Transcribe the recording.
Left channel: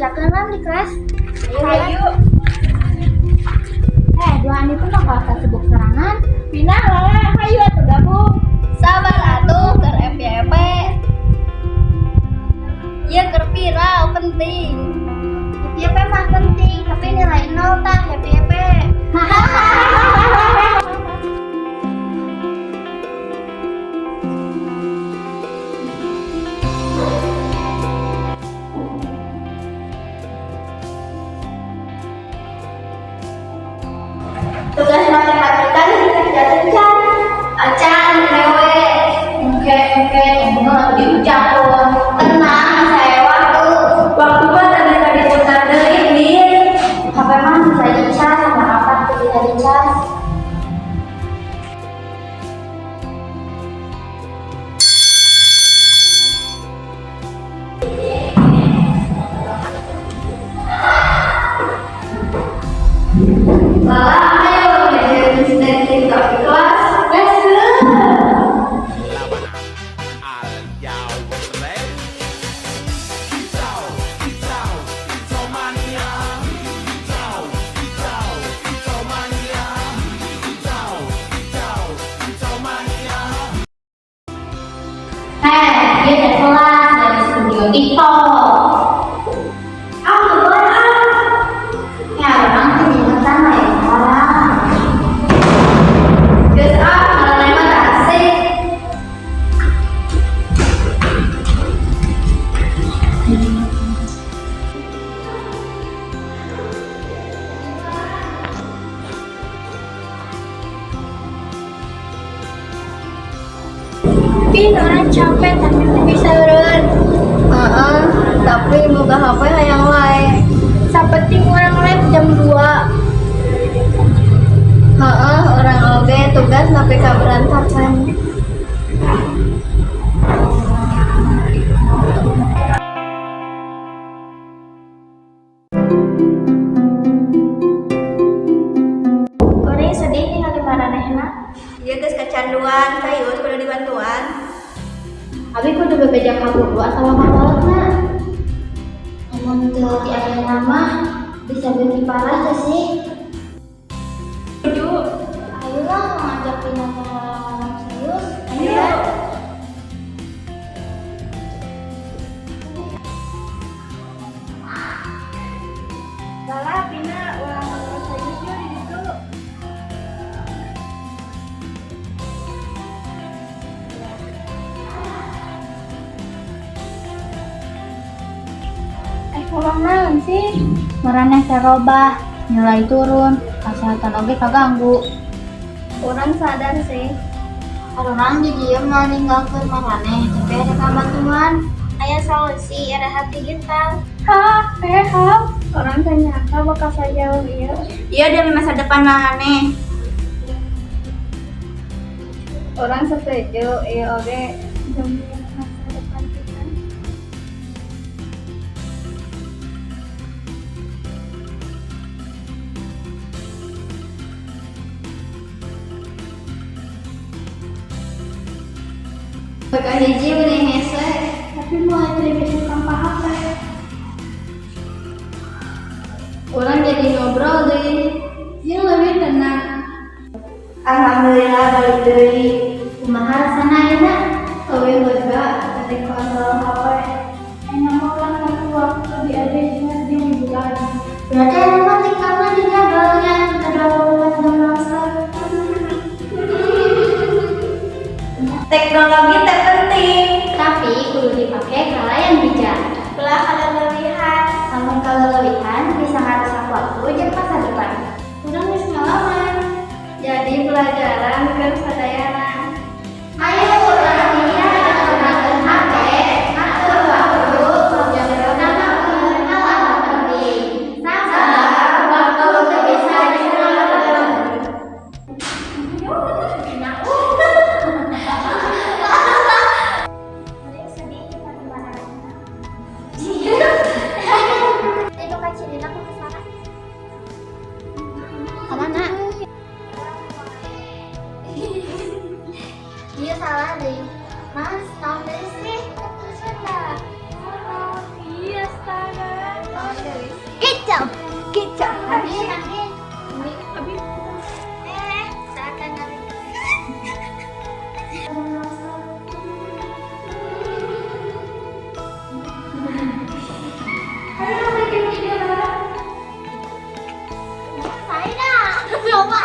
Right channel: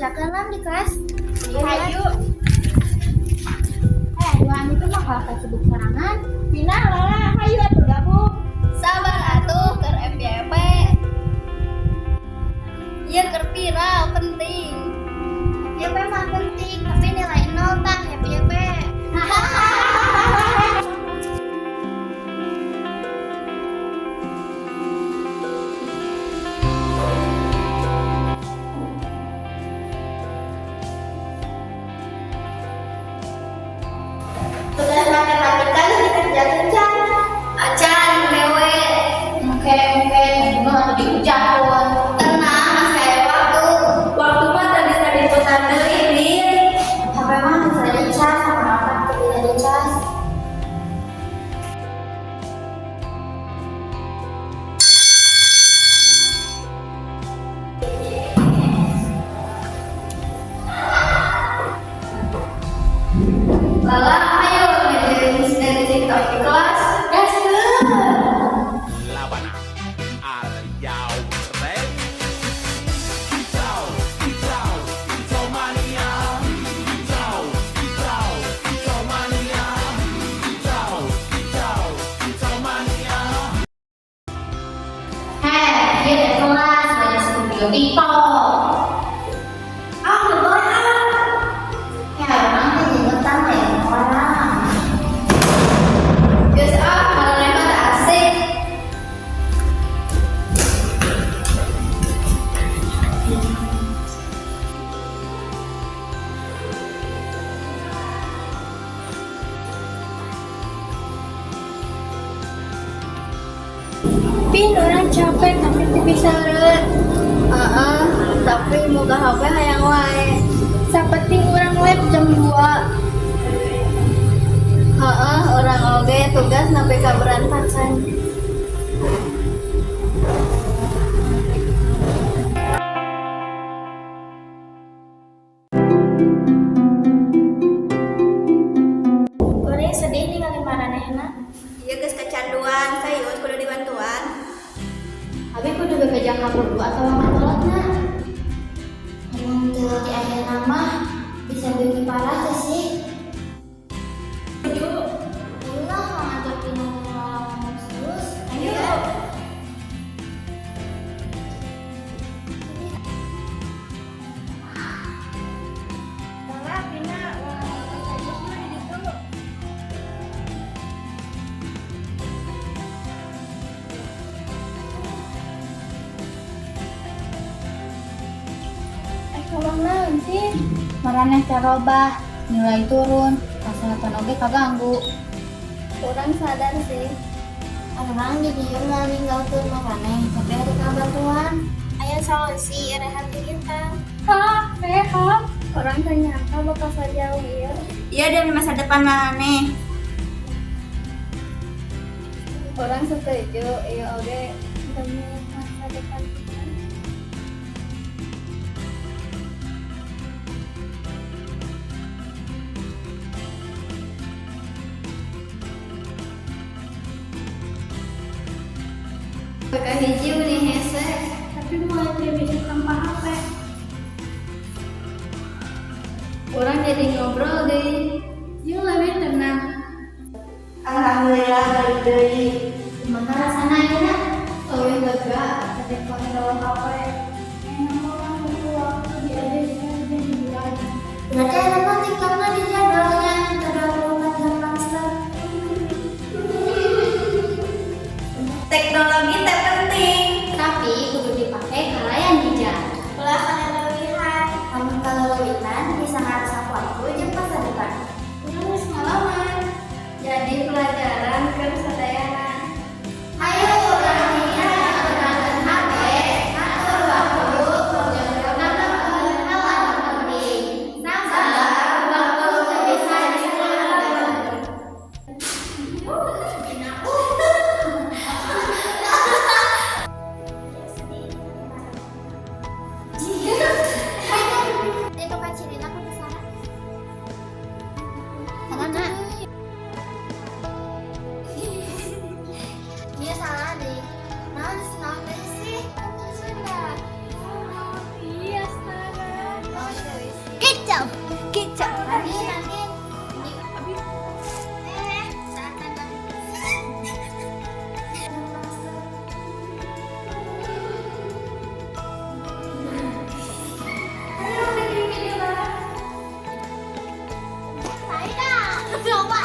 kerjakan di kelas. Ayo. Dua ini pun bakal sibuk serangan. Pina lala, ayo atuh gabung. Sabar atuh keur FYP. Ieu keur viral penting. FYP mah penting, tapi nilai 0 tah FYP. Tugas matematika dikerjakan Can. Acan, mewe. Oke, bunga diucapkan. Tenang, saya waktu. Waktu mah tadi putar deui, Bin. HP mah bisa dicas sama apa bisa dicas. Lala, ayo dari TikTok di kelas. Let's go. Labana, are y'all ready? It's mania. It's mania. Dia dari kelas dari studio TikTok. Ya orang tuh ingetan lah ya orang. Guys, malah mah asik. Bin, orang capek tapi bisa eureun. Tapi buka HP hayang wae. Sapenting orang live jam 2. Orang oge tugas tapi kaberantakan. Orang sedih tinggal di manehna. Ieu geus kecanduan, sayus kudu dibantuan. Abi kudu bebejang kabur atau ngapalna. Emang teu di aya nama bisa beuki parah teh sih. Setuju. Ayolah ngajak Pina ngomong serius. Ayo. Lala, Pina, serius yuk di situ. Ngomong naon sih? Maraneh teh robah, nilai turun, kesehatan oge kaganggu. Orang sadar sih. Orang di dieu mau ninggalkeun maraneh, tapi ada kabantuan. Aya solusi rehat digital. Sehat. Orang ternyata bakal sejauh ieu. Iya demi masa depan maneh. Orang setuju, ieu oge demi masa depan kita. Baka hiji mending hese. Tapi mulai dari besok tanpa HP. Orang jadi ngobrol deh. Yang lebih tenang. Alhamdulillah balik deui. Kumaha rasana ayeuna? Eueuh lega ketik kontrol HP. Enak banget waktu diadanya di bulan. Berarti enak banget TikToknya di ngobrolnya udah 24 jam nonstop. Teknologi teh penting. Tapi kudu dipakai kala yang bijak. Ulah kalelewihan. Namun kalau lebihan bisa ngarusak waktu jeung masa depan. Udah geus ngalaman. Jadi pelajaran kan sadayana. Ayo orang dunia gunakan HP, atur waktu, jam-jam kenal penting. Sabar, waktu tak bisa diselamatkan. Itu kan ciri aku kesana. coba.